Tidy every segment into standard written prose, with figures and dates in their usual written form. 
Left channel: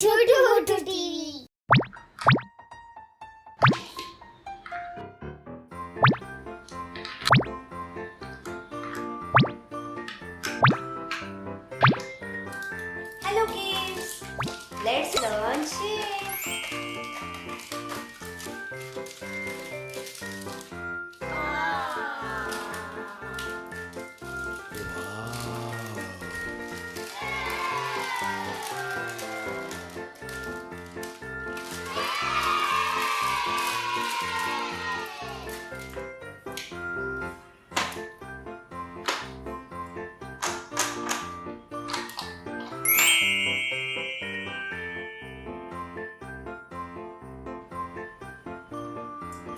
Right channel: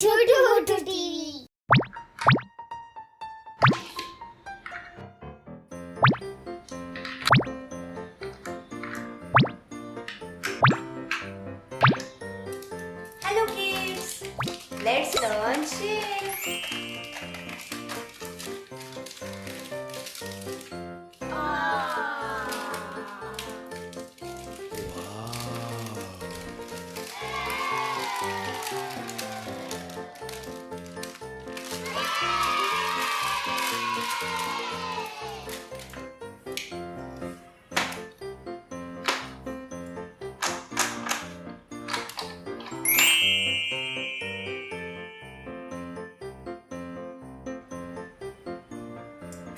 TV. Hello kids, let's learn shape.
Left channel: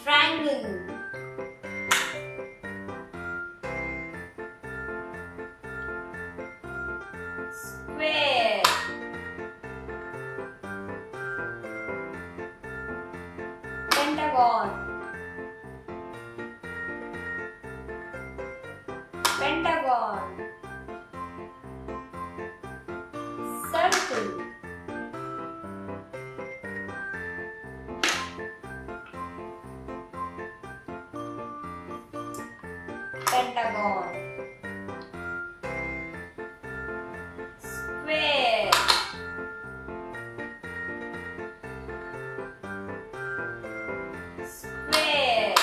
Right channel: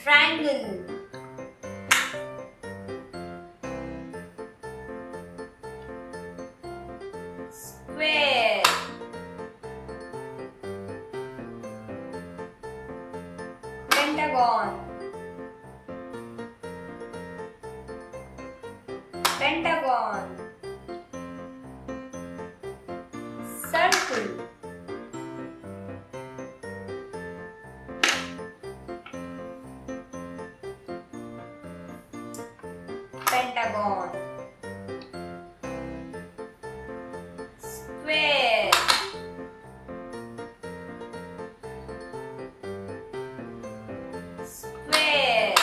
Triangle, square, pentagon, pentagon, circle, pentagon, square, square,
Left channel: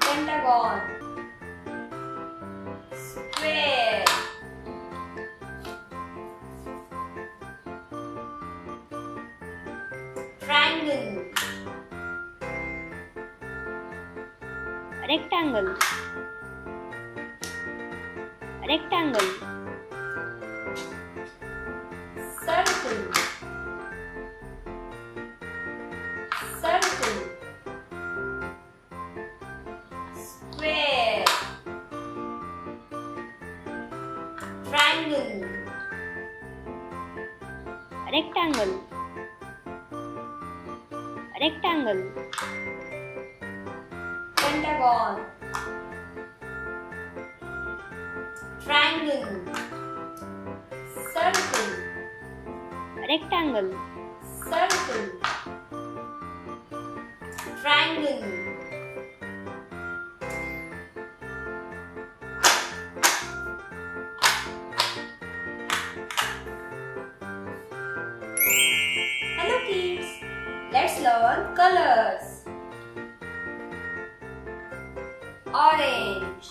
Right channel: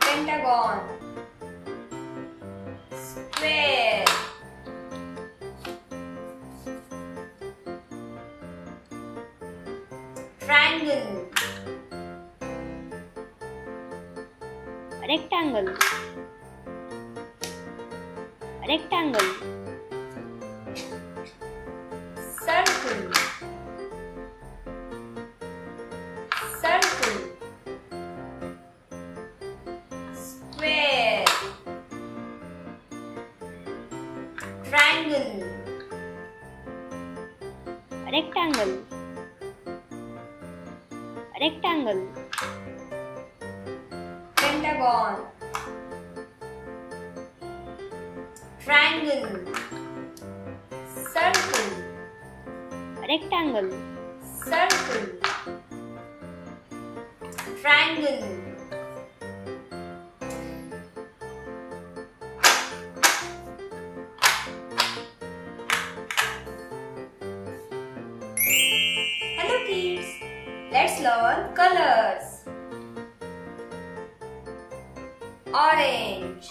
pentagon, square, triangle, Rectangle. Rectangle. circle, circle, square, triangle, Rectangle. Rectangle. pentagon, triangle, circle, Rectangle. circle, triangle. Hello kids, let's learn colors. Orange,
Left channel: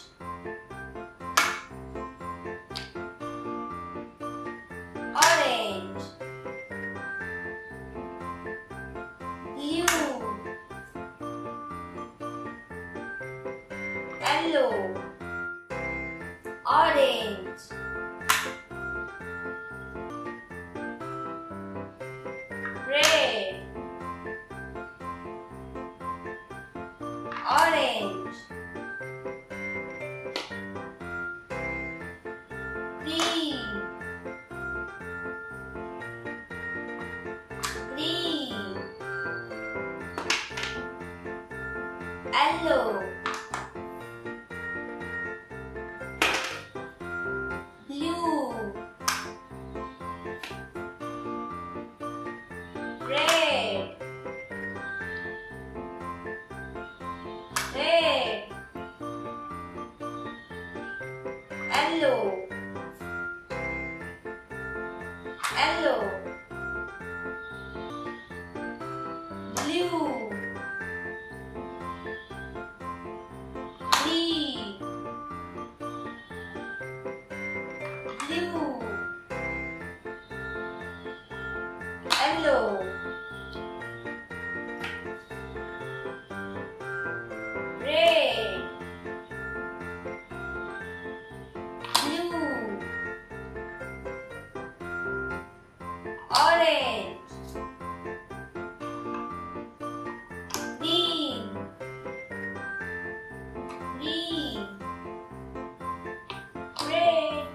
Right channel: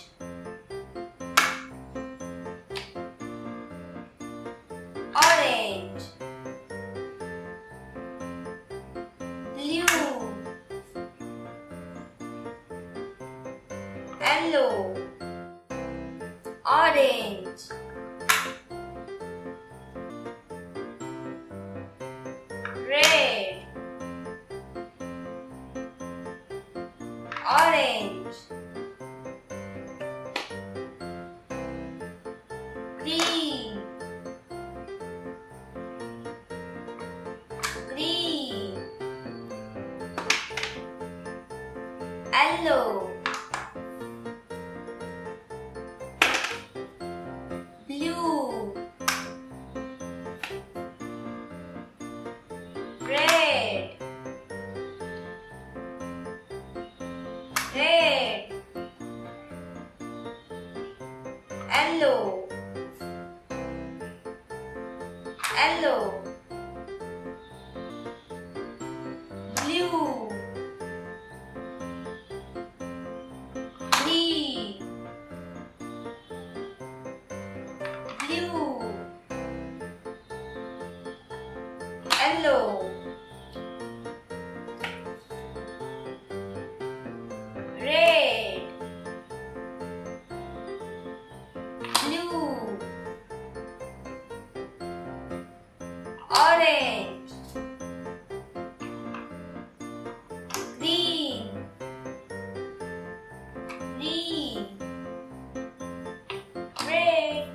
orange, blue, yellow, orange, red, orange, green, green, yellow, blue, red, red, yellow, yellow, blue, green, blue, yellow, red, blue, orange, green, green, red.